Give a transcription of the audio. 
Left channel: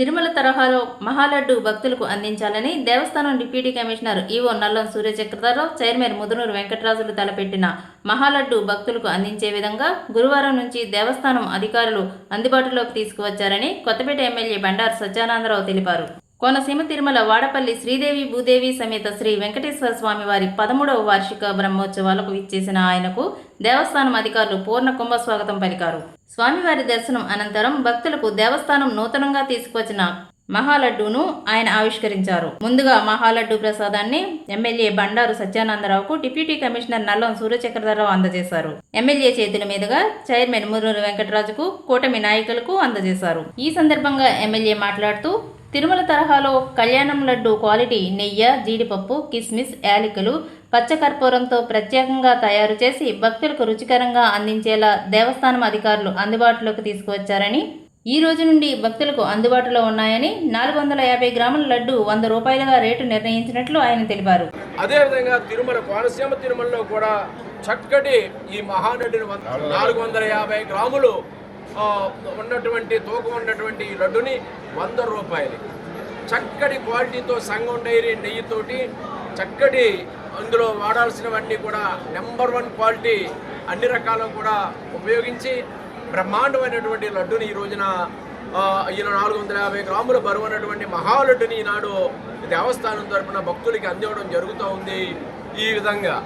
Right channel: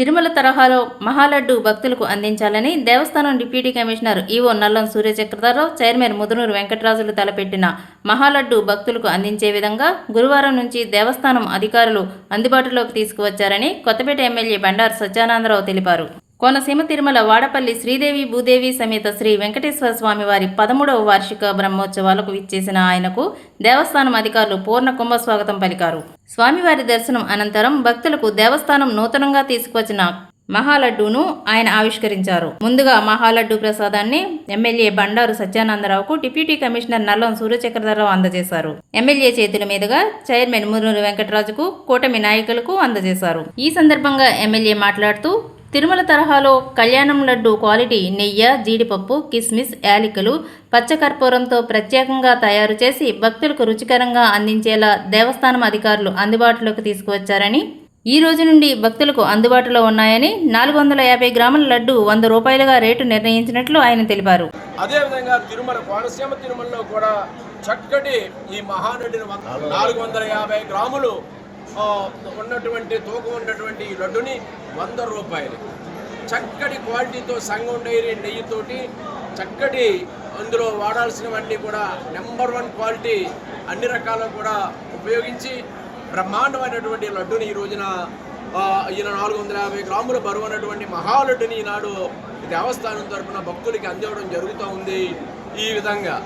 తిరుమల తరహాలో మహాలడ్డు భక్తులకు అందించాలని దేవస్థానం deputy commissioner EO Nallam Suryachakradhararao chairman Mudunuru Venkatarajulu తలపెట్టిన మహాలడ్డు భక్తులకు అందించే విధంగా గురువారం నుంచి దేవస్థానం అధికారులు అందుబాటులోకి తీసుకువచ్చారని కొత్తపేట ఎమ్మెల్యే బండారు సత్యానందరావు తెలిపారు. కోనసీమ తిరుమల వాడపల్లి శ్రీదేవి భూదేవి సమేత శ్రీ వెంకటేశ్వర స్వామి వారి పదమూడవ వార్షిక బ్రహ్మోత్సవాలకు విచ్చేసిన ఆయనకు దేవస్థానం అధికారులు పూర్ణ కుంభ స్వాగతం పలికారు. స్వామివారి దర్శనం అనంతరం భక్తులకు దేవస్థానం నూతనంగా తీసుకువచ్చిన మహాలడ్డూను ఆయన ఆవిష్కరించారు. ముందుగా మహాలడ్డు ప్రసాదాన్ని ఎమ్మెల్యే బండారు సత్యానందరావుకు డిప్యూటీ కమిషనర్ నల్లం సూర్యచక్రధరరావు అందజేశారు. ఎమ్మెల్యే చేతుల మీదుగా చైర్మన్ మురునూరు వెంకటరాజుకు కూటమి నాయకులకు అందజేశారు. ఈ సందర్భంగా ఎమ్మెల్యే మాట్లాడుతూ తిరుమల తరహాలో కళ్యాణం లడ్డు క్వాలిటీ నెయ్యి జీడిపప్పు కిస్మిస్ యాలకులు పచ్చకర్పూరంతో ప్రత్యేకంగా తయారు చేసి భక్తులకు రుచికరంగా అందించేలా దేవస్థానం అధికారులు అందుబాటులోకి తీసుకువచ్చారని ఈ రోజు నుండి భక్తులకు అందుబాటులో ఉన్నాయని నాలుగు వందల యాభై గ్రాముల లడ్డు వంద రూపాయలుగా రేటు నిర్ణయించినట్లు ఆయన తెలిపారు. అదేవిధంగా తిరుమల కోనసీమ తిరుమలలో కూడా చక్కటి ఈ మహానటిని నాలుగు వందల యాభై గ్రాములు ఉన్నటువంటి తూకం ఉన్నటువంటి ఈ లడ్డుని వంద రూపాయలు. చక్కటి క్వాలిటీతో సంగం డైరీ నెయ్యితోటి చక్కటి అందులో వాడాల్సినవన్నీ కూడా నెంబర్ వన్ క్వాలిటీ అన్ని రకాలు కూడా ఉపయోగించి బ్రహ్మాండమైనటువంటి లడ్డుని ఈ రోజున ఈయన నాలుగు వందల యాభై గ్రాముల బరువు అన్నటువంటి మహాలడ్డుని ఈనాడు దేవస్థానం తరపున భక్తులకి అందివ్వడం జరుగుతూ ఉంది. ఈ విధంగా